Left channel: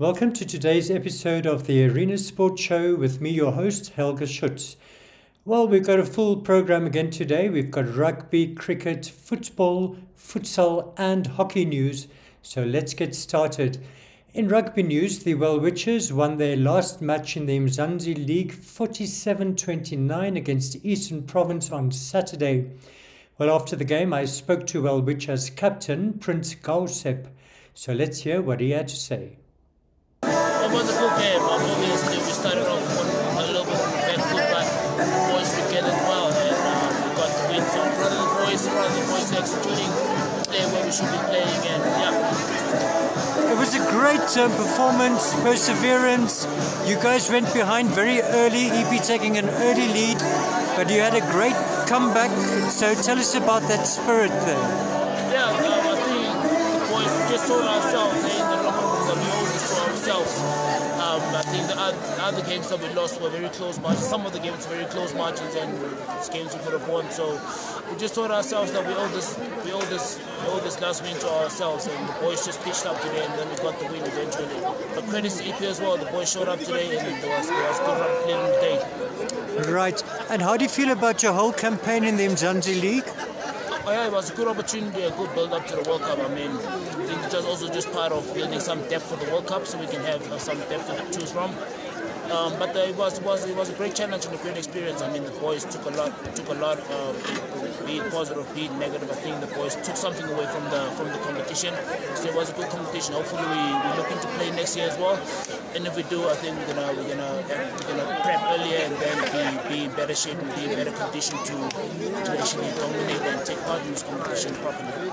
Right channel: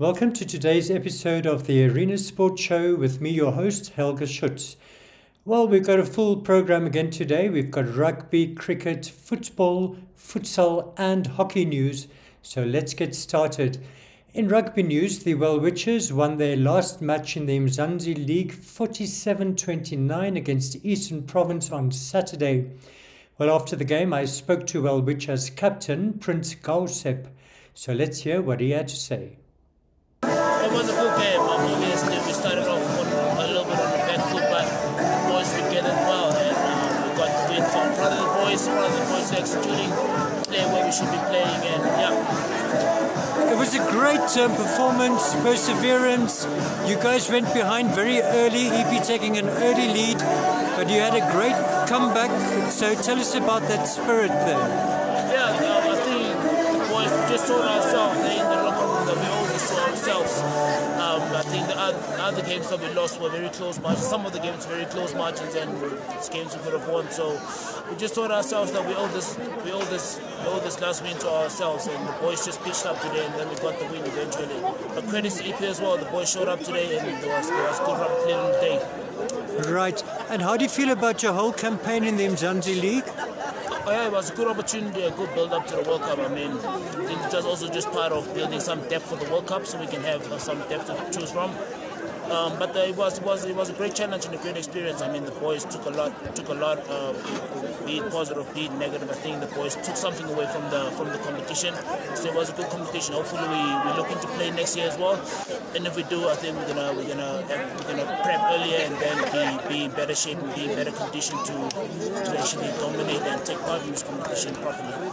Welcome to today's episode of the Arena Sports Show with me, your host, Helge Schütz. Well, we've got a full program again today. We've got rugby, cricket, football, futsal and hockey news. So let's get started. In rugby news, the Welwitchers won their last match in the Mzansi League 47-29 against Eastern Province on Saturday. Well, after the game, I spoke to Welwitchers captain Prince Gausep. So let's hear what he had to say. It was a good game. Obviously, we started off a little bit on the back foot, but the boys regained well, and we got the win. So I'm proud of the boys executing, playing where we should be playing, and yeah. It was a great performance, perseverance. You guys went behind very early, EP taking an early lead, but you had a great comeback. So tell us about that spirit there. Yeah, I think the boys just told ourselves in the locker room that we owe this to ourselves. I think the other games that we lost were very close margins. Some of the games were very close margins, and games we could have won. So we just told ourselves that we owe this last win to ourselves, and the boys just pitched up today, and then we got the win eventually. But credits to EP as well. The boys showed up today, and there was good rugby played on the day. Right. And how do you feel about your whole campaign in the Mzansi League? Oh yeah, it was a good opportunity, a good build-up to the World Cup. I mean, I think it was also just part of building some depth for the World Cup, so we can have some depth to choose from. But it was a great challenge and a great experience. I mean, the boys took a lot, be it positive, be it negative. I think the boys took something away from the competition. So it was a good competition. Hopefully, we looking to play next year as well. And if we do, I think we're gonna prep earlier and then be in better shape and be in better condition to actually dominate and take part in this competition properly.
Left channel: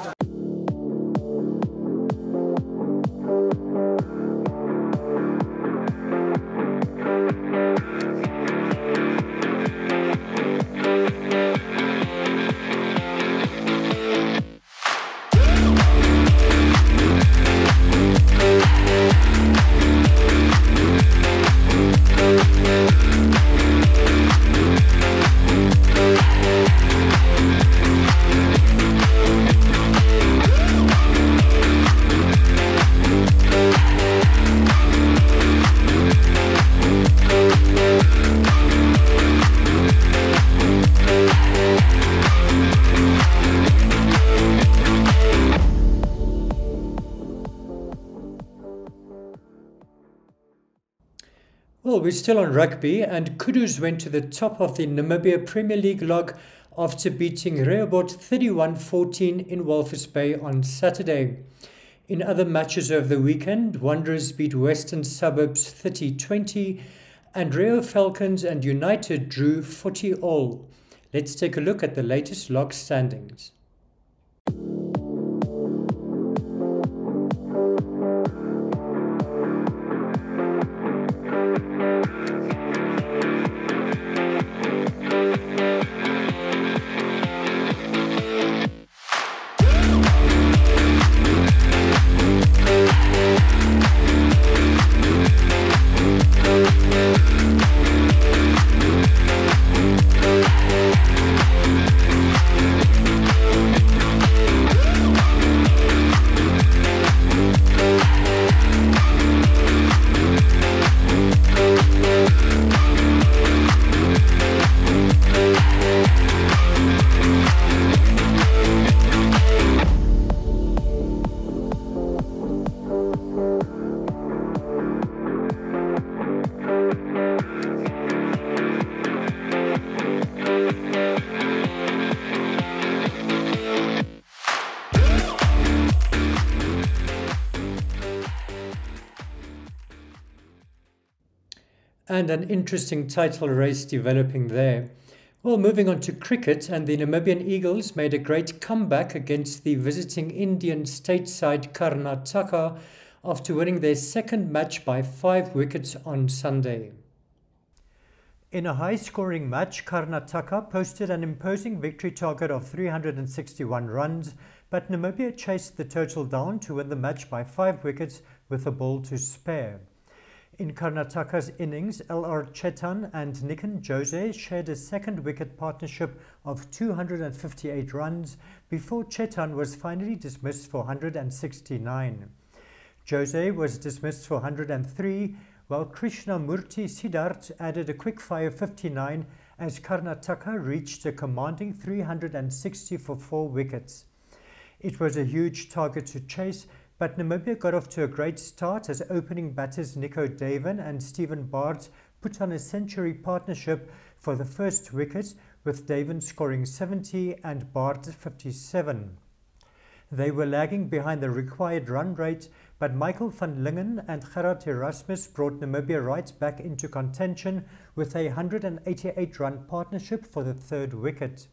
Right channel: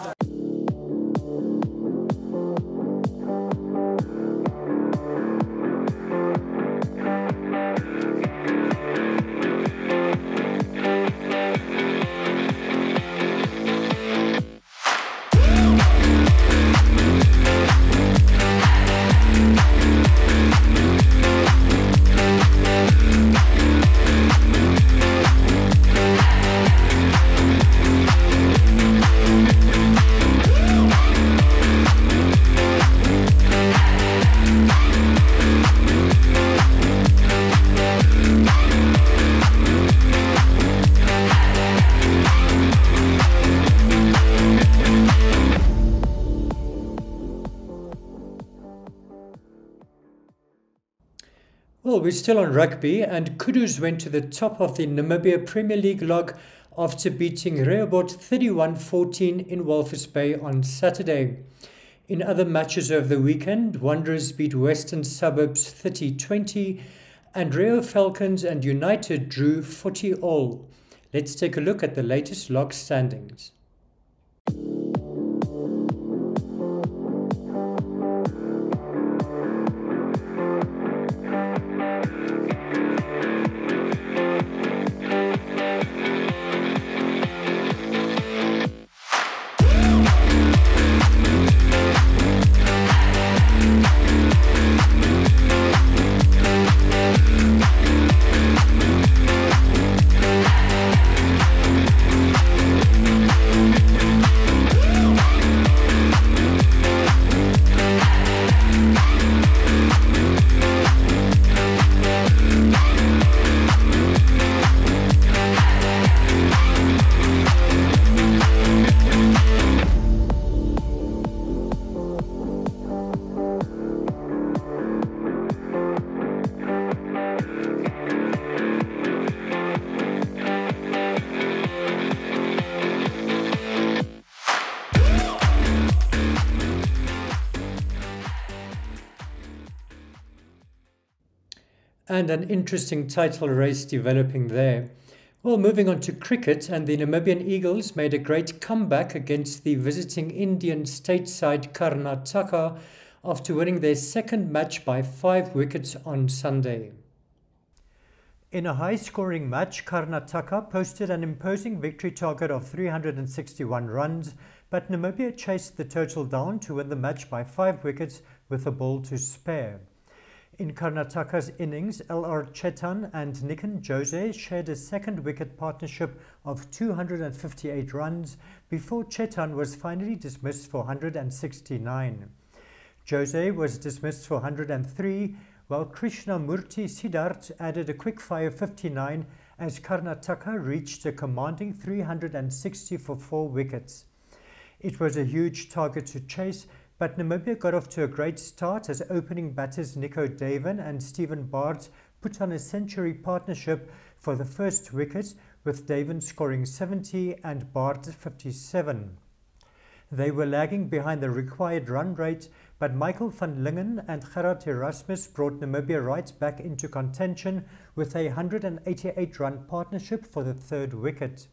Well, we're still on rugby, and Kudus went to the top of the Namibia Premier League log after beating Rehoboth 31-14 in Walvis Bay on Saturday. In other matches over the weekend, Wanderers beat Western Suburbs 30-20, and Rio Falcons and United drew 40-all. Let's take a look at the latest log standings. And an interesting title race developing there. Well, moving on to cricket, and the Namibian Eagles made a great comeback against the visiting Indian state side Karnataka after winning their second match by 5 wickets on Sunday. In a high-scoring match, Karnataka posted an imposing victory target of 361 runs, but Namibia chased the total down to win the match by 5 wickets with a ball to spare. In Karnataka's innings, L.R. Chetan and Nikan Jose shared a second wicket partnership of 258 runs before Chetan was finally dismissed for 169. Jose was dismissed for 103, while Krishnamurti Siddharth added a quick-fire 59 as Karnataka reached a commanding 360 for 4 wickets. It was a huge target to chase, but Namibia got off to a great start as opening batters Nico Daven and Stephen Bard put on a century partnership for the first wicket, with Daven scoring 70 and Bard 57. They were lagging behind the required run rate, but Michael van Lingen and Gerard Erasmus brought Namibia right back into contention with a 188-run partnership for the third wicket.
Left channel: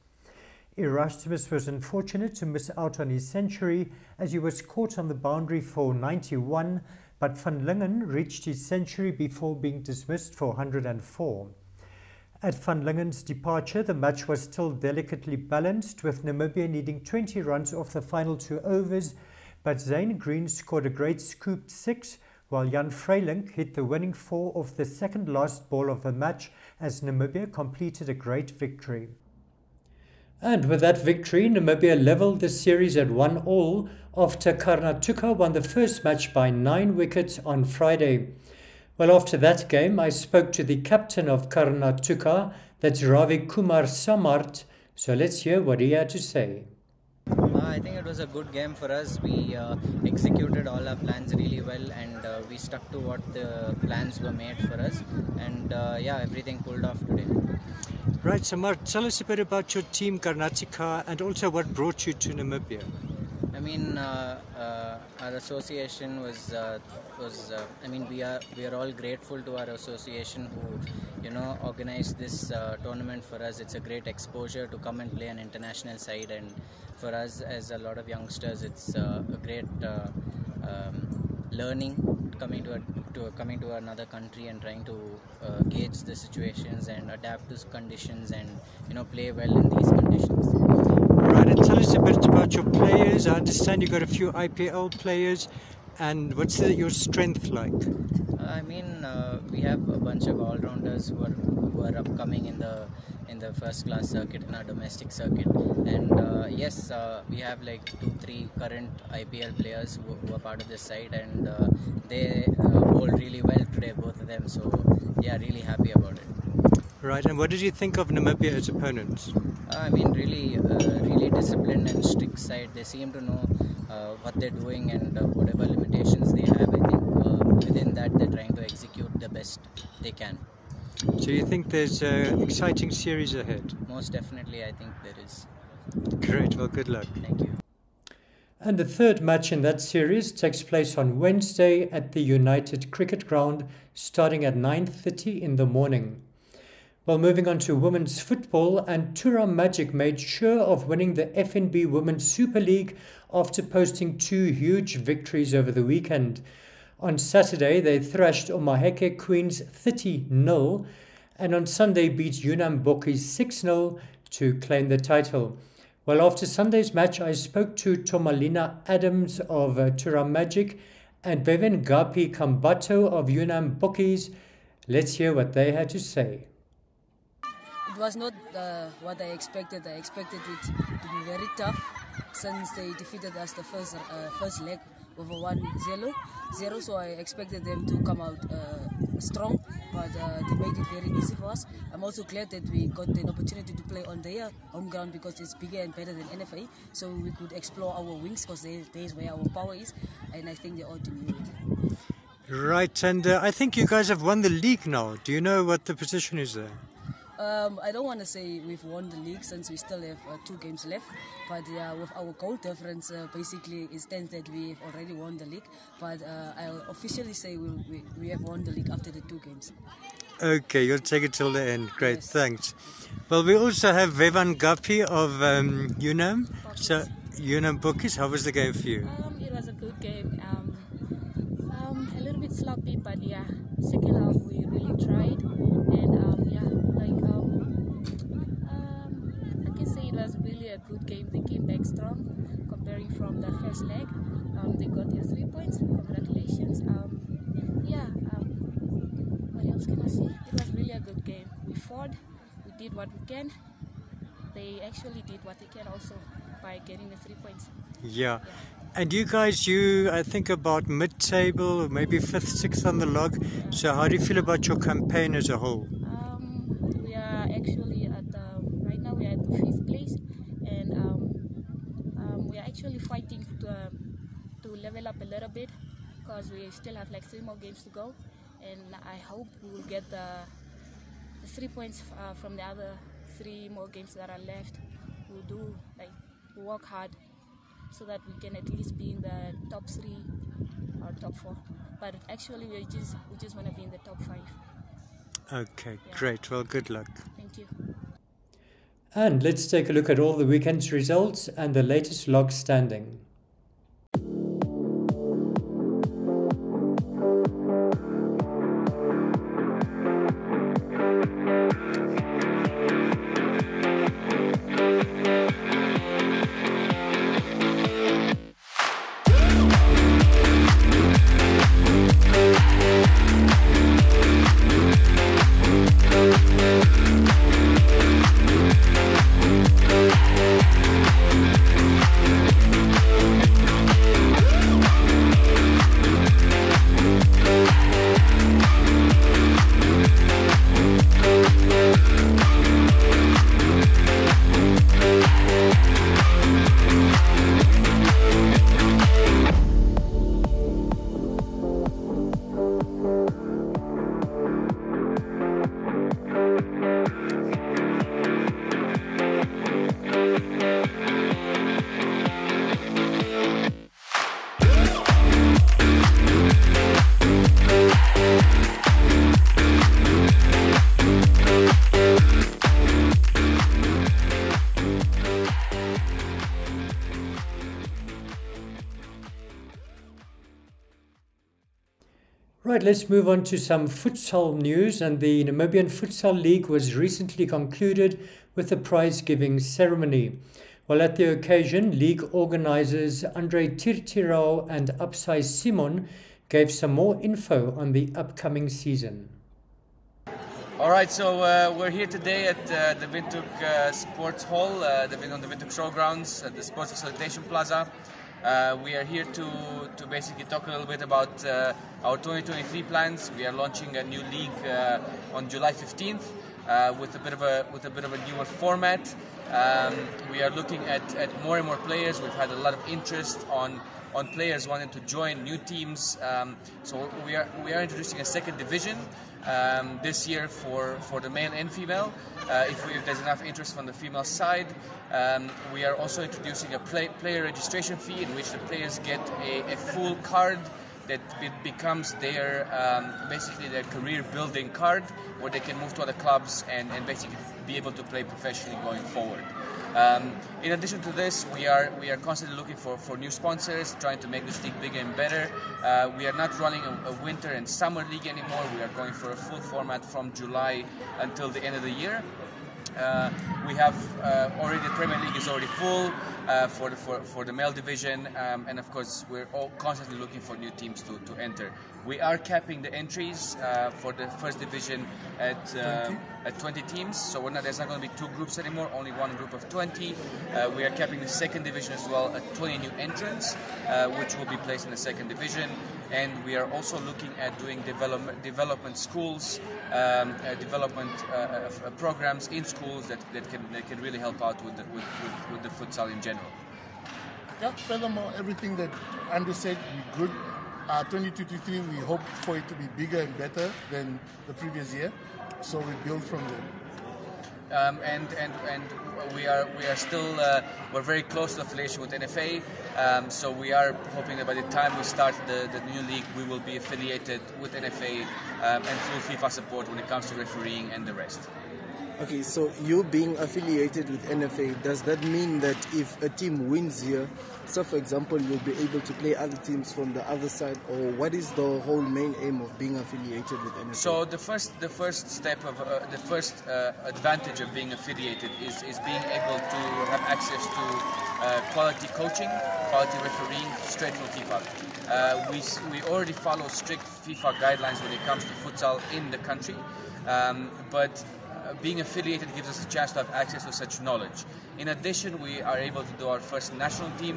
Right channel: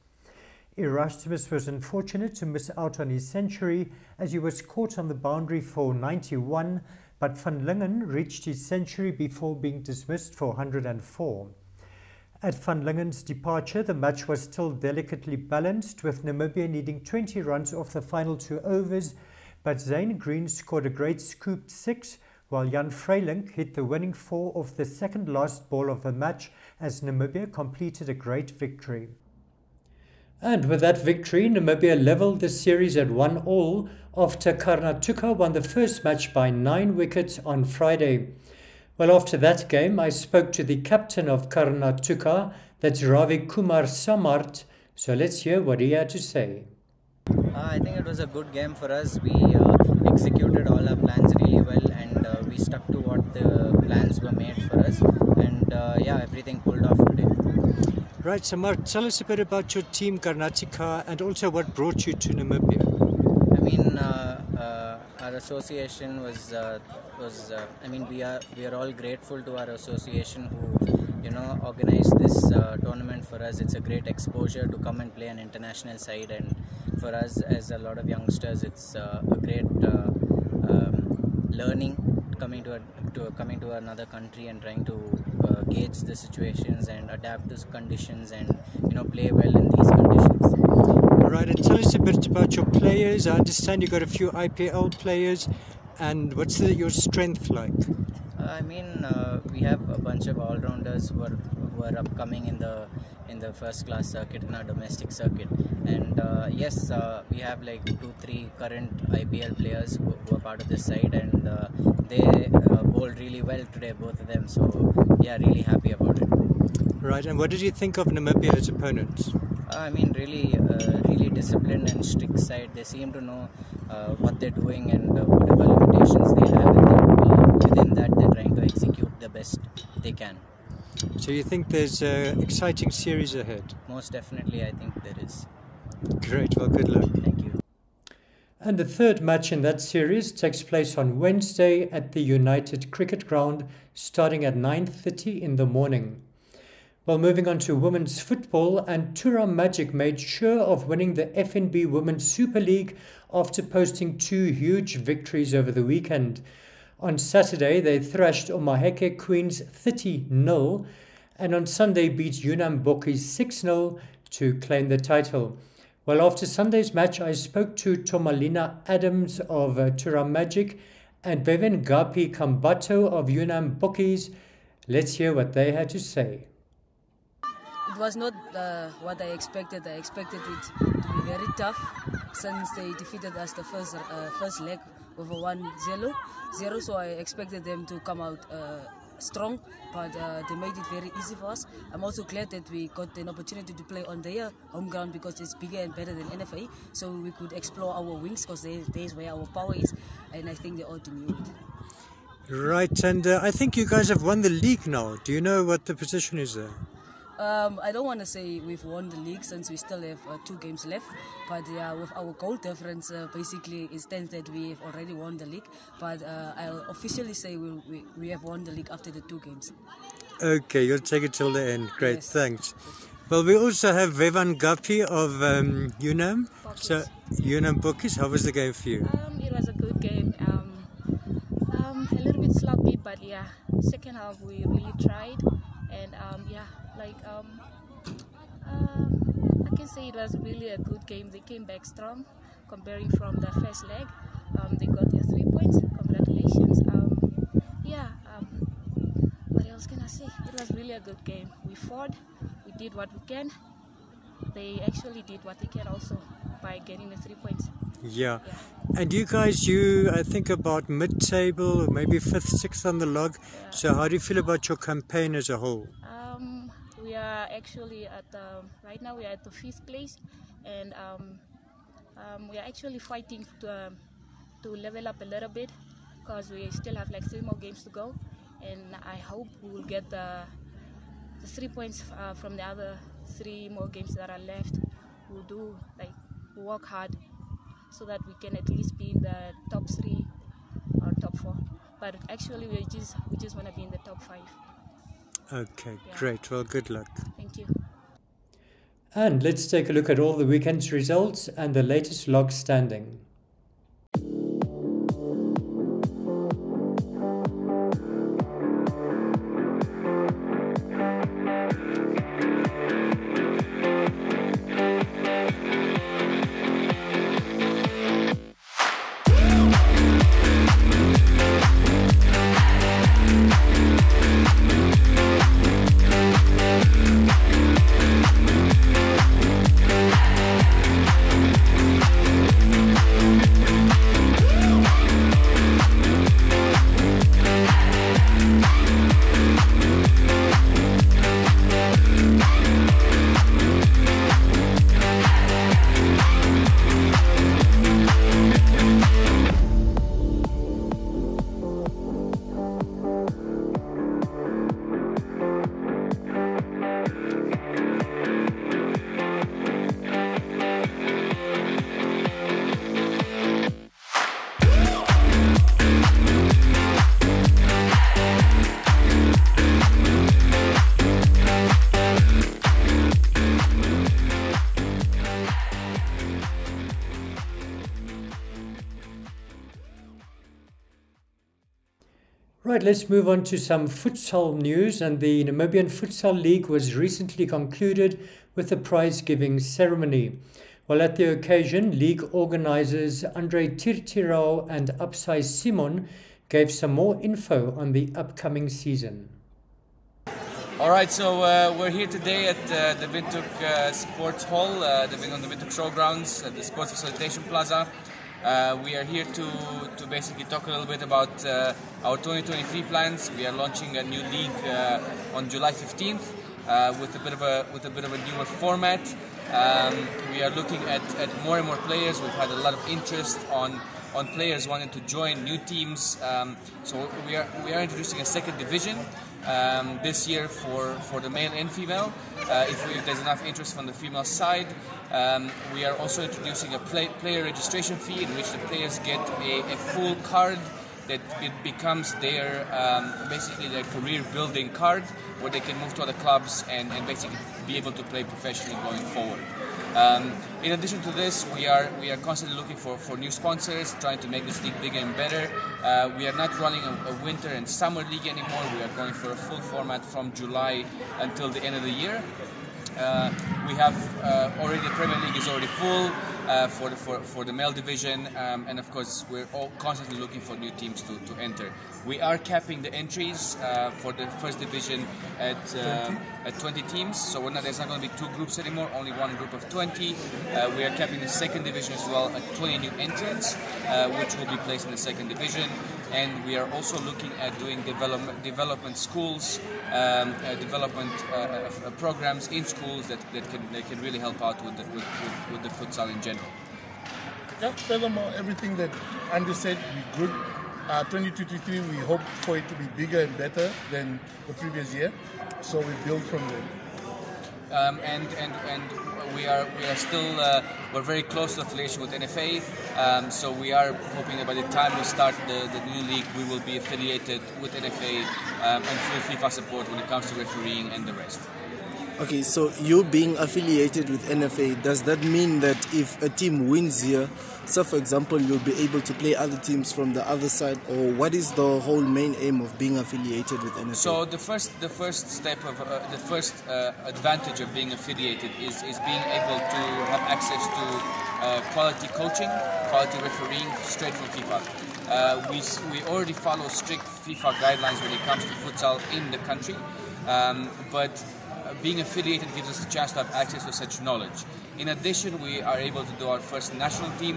Erasmus was unfortunate to miss out on his century as he was caught on the boundary for 91, but van Lingen reached his century before being dismissed for 104. At van Lingen's departure, the match was still delicately balanced, with Namibia needing 20 runs off the final 2 overs, but Zane Green scored a great scooped 6, while Jan Vreilink hit the winning 4 off the second last ball of the match as Namibia completed a great victory. And with that victory, Namibia levelled the series at 1-1 after Karnataka won the first match by 9 wickets on Friday. Well, after that game, I spoke to the captain of Karnataka, that's Ravi Kumar Samart, so let's hear what he had to say. I think it was a good game for us. We executed all our plans really well, and we stuck to what the plans were made for us, and yeah, everything pulled off today. Right, Samart, tell us a bit about your team Karnataka and also what brought you to Namibia. I mean, our association was I mean, we are all grateful to our association who organized this tournament for us. It's a great exposure to come and play an international side, and for us as a lot of youngsters, it's a great learning coming to another country and trying to gauge the situations and adapt to conditions and play well in these conditions. Right, and tell us a bit about your players. I understand you got a few IPL players, and what's your strength like? I mean, we have a bunch of all-rounders who are upcoming in the first-class circuit, in our domestic circuit, and yes, we have like 2-3 current IPL players who are part of this side, and they bowled really well today, both of them. So yeah, really happy about it. Right, and what did you think of Namibia as opponents? I mean, really disciplined and strict side. They seem to know what they're doing and whatever limitations they have. I think within that they're trying to execute the best they can. So you think there's an exciting series ahead? Most definitely, I think there is. Great, well, good luck. Thank you. And the third match in that series takes place on Wednesday at the United Cricket Ground, starting at 9:30 in the morning. Well, moving on to women's football, and Tura Magic made sure of winning the FNB Women's Super League after posting 2 huge victories over the weekend. On Saturday, they thrashed Omaheke Queens 30-0, and on Sunday beat Yunnan Bokis 6-0 to claim the title. Well, after Sunday's match, I spoke to Tomalina Adams of Tura Magic and Bevan Gapi Kambato of Yunnan Bokis. Let's hear what they had to say. It was not what I expected. I expected it to be very tough since they defeated us the first leg over 1-0. So I expected them to come out strong, but they made it very easy for us. I'm also glad that we got an opportunity to play on their home ground because it's bigger and better than NFA, so we could explore our wings because there's where our power is, and I think they ought to knew it. Right, and I think you guys have won the league now. Do you know what the position is there? I don't want to say we've won the league since we still have 2 games left, but with our goal difference, basically it stands that we have already won the league, but I'll officially say we have won the league after the 2 games. Okay, you'll take it till the end. Great, Yes. Thanks. Well, we also have Vevan Gapi of Yunnan. So, Yunnan Bokis, how was the game for you? It was a good game. A little bit sloppy, but yeah, second half we really tried, and I can say it was really a good game. They came back strong, comparing from the first leg. They got their 3 points. Congratulations. What else can I say? It was really a good game. We fought. We did what we can. They actually did what they can also by getting the 3 points. Yeah. And you guys, I think about mid-table, maybe 5th, 6th on the log. So how do you feel about your campaign as a whole? We are actually right now we are at the 5th place, and we are actually fighting to level up a little bit, because we still have like 3 more games to go, and I hope we will get the 3 points from the other 3 more games that are left. We'll work hard so that we can at least be in the top 3 or top 4. But actually, we just want to be in the top 5. Okay, yeah. Great. Well, good luck. Thank you. And let's take a look at all the weekend's results and the latest log standing. Right, let's move on to some futsal news. And the Namibian Futsal League was recently concluded with a prize-giving ceremony. Well, at the occasion, league organisers Andre Tirtirao and Upsai Simon gave some more info on the upcoming season. All right, so we're here today at the Windhoek Sports Hall, on the Windhoek Showgrounds at the Sports Facilitation Plaza. We are here to basically talk a little bit about our 2023 plans. We are launching a new league on July 15th with a bit of a newer format. We are looking at more and more players. We've had a lot of interest on players wanting to join new teams. So we are introducing a second division this year for the male and female. If there's enough interest from the female side. We are also introducing a player registration fee in which the players get a full card that it becomes their basically their career building card, where they can move to other clubs and basically be able to play professionally going forward. In addition to this, we are constantly looking for new sponsors, trying to make this league bigger and better. We are not running a winter and summer league anymore. We are going for a full format from July until the end of the year. We have already the Premier League is already full for the male division, and of course we're all constantly looking for new teams to enter. We are capping the entries for the first division at 20 teams, so there's not going to be 2 groups anymore, only one group of 20. We are capping the second division as well at 20 new entrants, which will be placed in the second division. And we are also looking at doing development schools, development programs in schools that can really help out with the futsal in general. Yeah, furthermore, everything that Andy said, we good. 2023, we hope for it to be bigger and better than the previous year, so we build from there. And we are still we're very close to affiliation with NFA, so we are hoping that by the time we start the new league, we will be affiliated with NFA and full FIFA support when it comes to refereeing and the rest. Okay, so you being affiliated with NFA, does that mean that if a team wins here, so for example, you'll be able to play other teams from the other side, or what is the whole main aim of being affiliated with NFA? So the first step of the first advantage of being affiliated is being able to have access to quality coaching, quality refereeing straight from FIFA. We already follow strict FIFA guidelines when it comes to futsal in the country, but being affiliated gives us a chance to have access to such knowledge. In addition, we are able to do our first national team,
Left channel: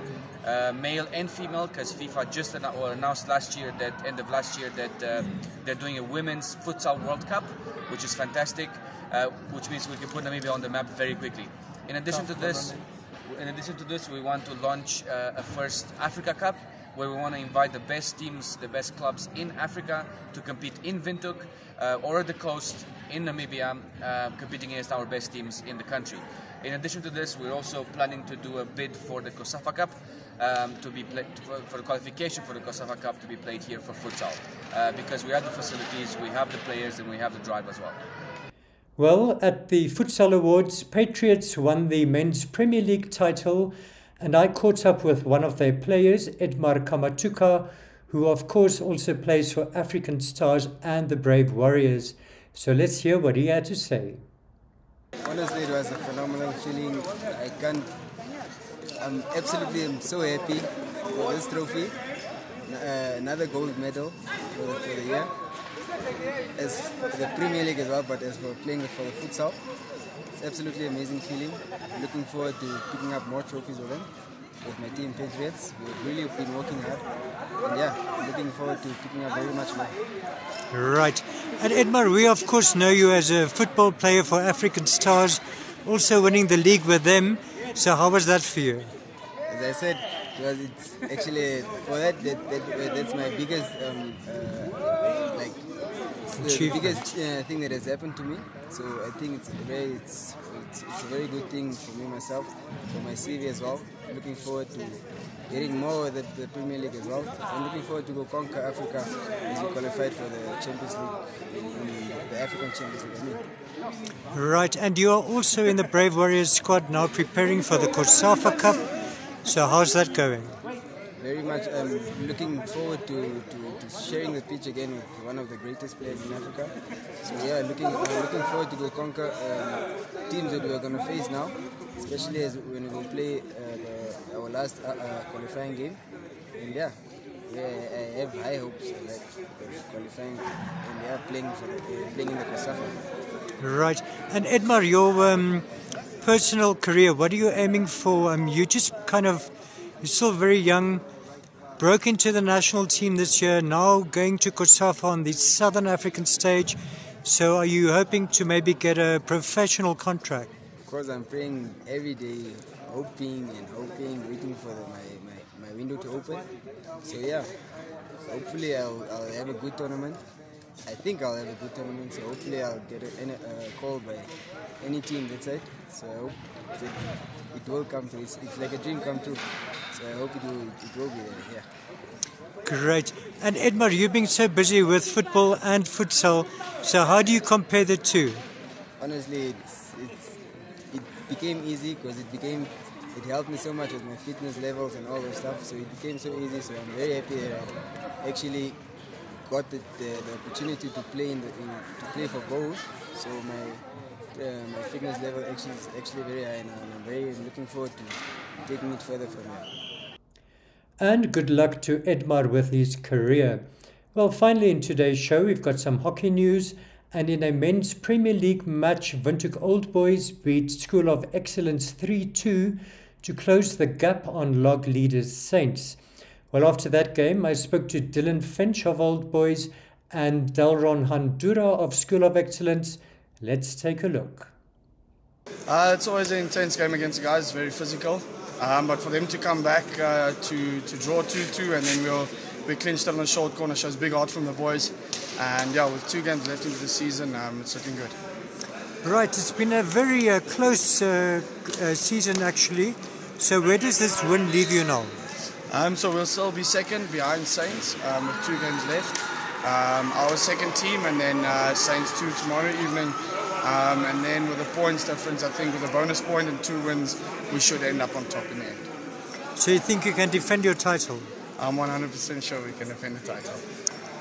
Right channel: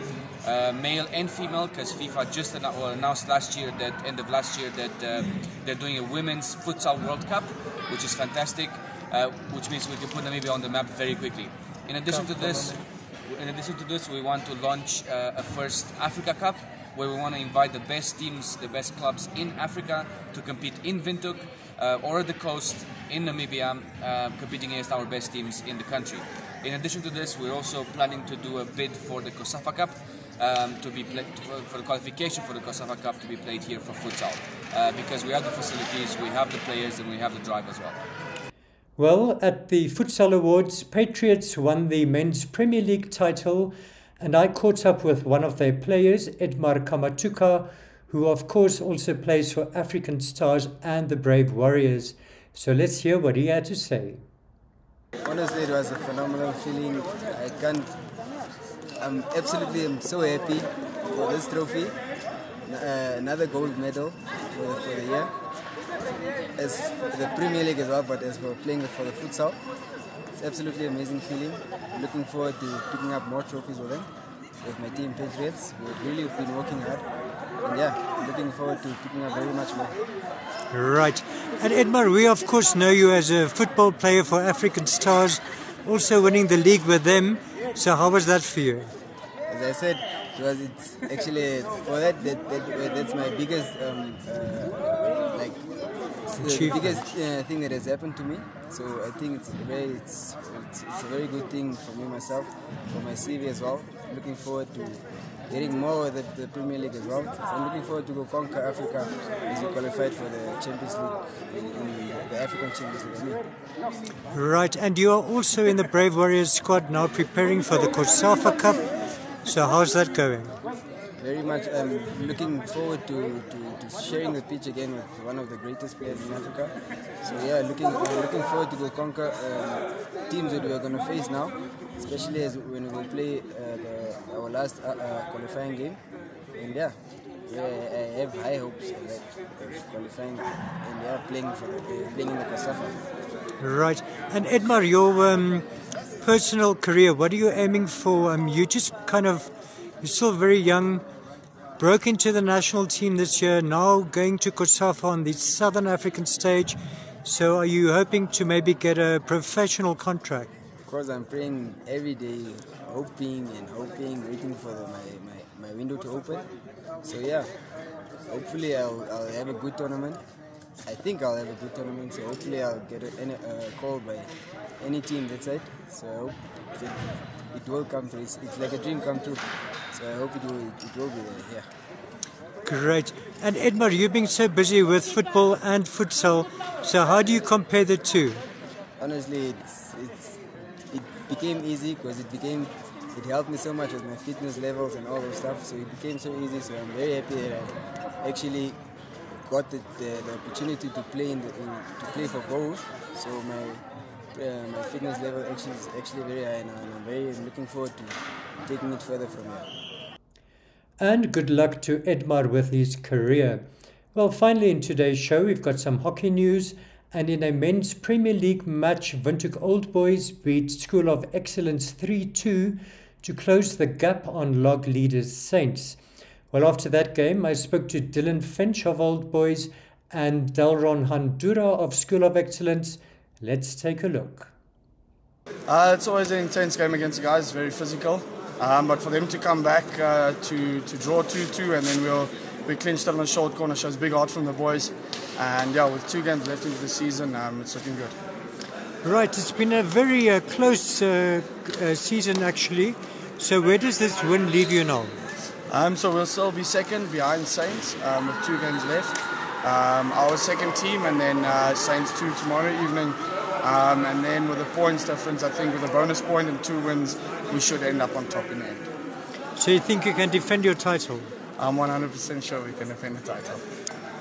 male and female, because FIFA just announced last year, that end of last year, that they're doing a women's futsal World Cup, which is fantastic, which means we can put Namibia on the map very quickly. In addition to this, we want to launch a first Africa Cup, where we want to invite the best teams, the best clubs in Africa to compete in Windhoek or at the coast in Namibia, competing against our best teams in the country. In addition to this, we're also planning to do a bid for the COSAFA Cup, for the qualification for the COSAFA Cup to be played here for futsal, because we have the facilities, we have the players, and we have the drive as well. Well, at the Futsal Awards, Patriots won the Men's Premier League title, and I caught up with one of their players, Edmar Kamatuka, who of course also plays for African Stars and the Brave Warriors. So let's hear what he had to say. Honestly, it was a phenomenal feeling. I'm so happy for this trophy. Another gold medal for the year. As for the Premier League as well, but as we're playing for the futsal, it's absolutely amazing feeling. Looking forward to picking up more trophies with my team Patriots. We've really been working hard, and yeah, looking forward to picking up very much more. Right. And Edmar, we of course know you as a football player for African Stars, also winning the league with them. So how was that for you? As I said, it's actually for that's my biggest the biggest thing that has happened to me. So I think it's a very good thing for me myself, for my CV as well. Looking forward to getting more with the Premier League as well. I'm looking forward to go conquer Africa as we qualified for the Champions League, the African Champions League. Right, and you are also in the Brave Warriors squad now, preparing for the COSAFA Cup. So how's that going? Very much. Looking forward to sharing the pitch again with one of the greatest players in Africa. So yeah, looking forward to go conquer teams that we are going to face now, especially when we will play our last qualifying game. And yeah, I have high hopes of qualifying and playing in the COSAFA. Right, and Edmar, your personal career, what are you aiming for? You just you're still very young. Broke into the national team this year, now going to COSAFA on the Southern African stage. So are you hoping to maybe get a professional contract? Of course, I'm praying every day, hoping, waiting for my window to open. So yeah, hopefully I'll have a good tournament. I think I'll have a good tournament, so hopefully I'll get a call by any team that's it. So I hope it will come through. It's like a dream come true. So I hope it will be here. Great. And Edmar, you've been so busy with football and futsal, so how do you compare the two? Honestly, it became easy because it helped me so much with my fitness levels and all those stuff. So it became so easy. So I'm very happy that I actually got the opportunity to play for both. So my fitness level is actually very high now, and I'm very looking forward to taking it further from here. And good luck to Edmar with his career. Well, finally in today's show, we've got some hockey news. And in a men's Premier League match, Windhoek Old Boys beat School of Excellence 3-2 to close the gap on log leaders Saints. Well, after that game, I spoke to Dylan Finch of Old Boys and Delron Handura of School of Excellence. Let's take a look. It's always an intense game against the guys, it's very physical. But for them to come back to draw 2-2 and then we clinched on a short corner shows big heart from the boys. And yeah, with 2 games left into the season, it's looking good. Right, it's been a very close season actually. So where does this win leave you now? So we'll still be second behind Saints with 2 games left. Our second team and then Saints 2 tomorrow evening. And then with the points difference, I think with a bonus point and 2 wins, we should end up on top in the end. So you think you can defend your title? I'm 100% sure we can defend the title.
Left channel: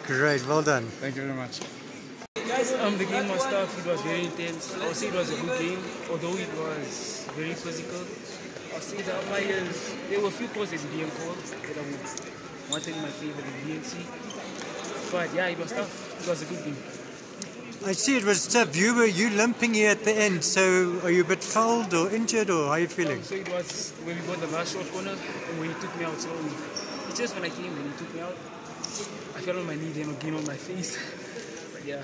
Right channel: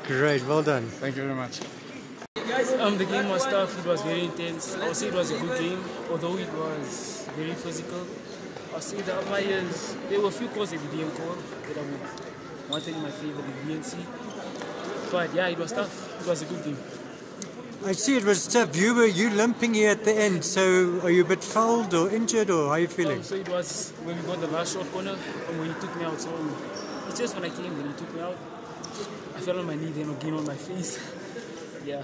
Great, well done. Thank you very much. The game was tough, it was very intense. I would say it was a good game, although it was very physical. I would say the players, there were a few calls that we didn't call that I would want in my favor and didn't see. But yeah, it was tough. It was a good game. I see it was tough. You limping here at the end, so are you a bit fouled or injured, or how are you feeling? So it was when we got the last short corner and when he took me out. So it's just when I came and he took me out, I fell on my knee, then again on my face. Yeah,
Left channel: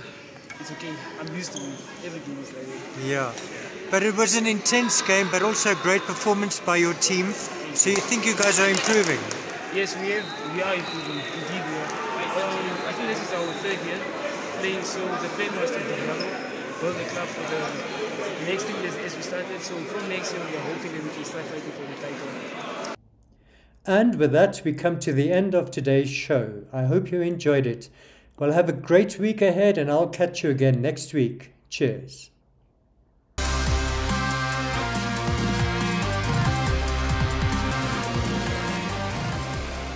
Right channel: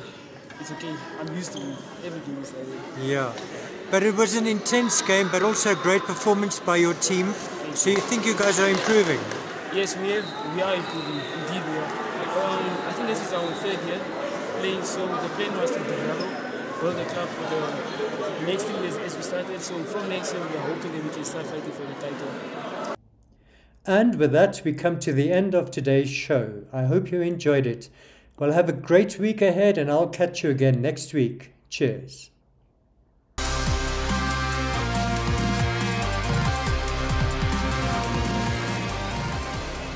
it's okay. I'm used to it. Everything is like that. Yeah, but it was an intense game, but also a great performance by your team. So you think you guys are improving? Yes, we are improving. Indeed, we are. I think this is our third year playing, so the plan was to develop, build the club for the next 2 years as we started. So from next year, we are hoping that we can start fighting for the title. And with that, we come to the end of today's show. I hope you enjoyed it. Well, have a great week ahead, and I'll catch you again next week. Cheers.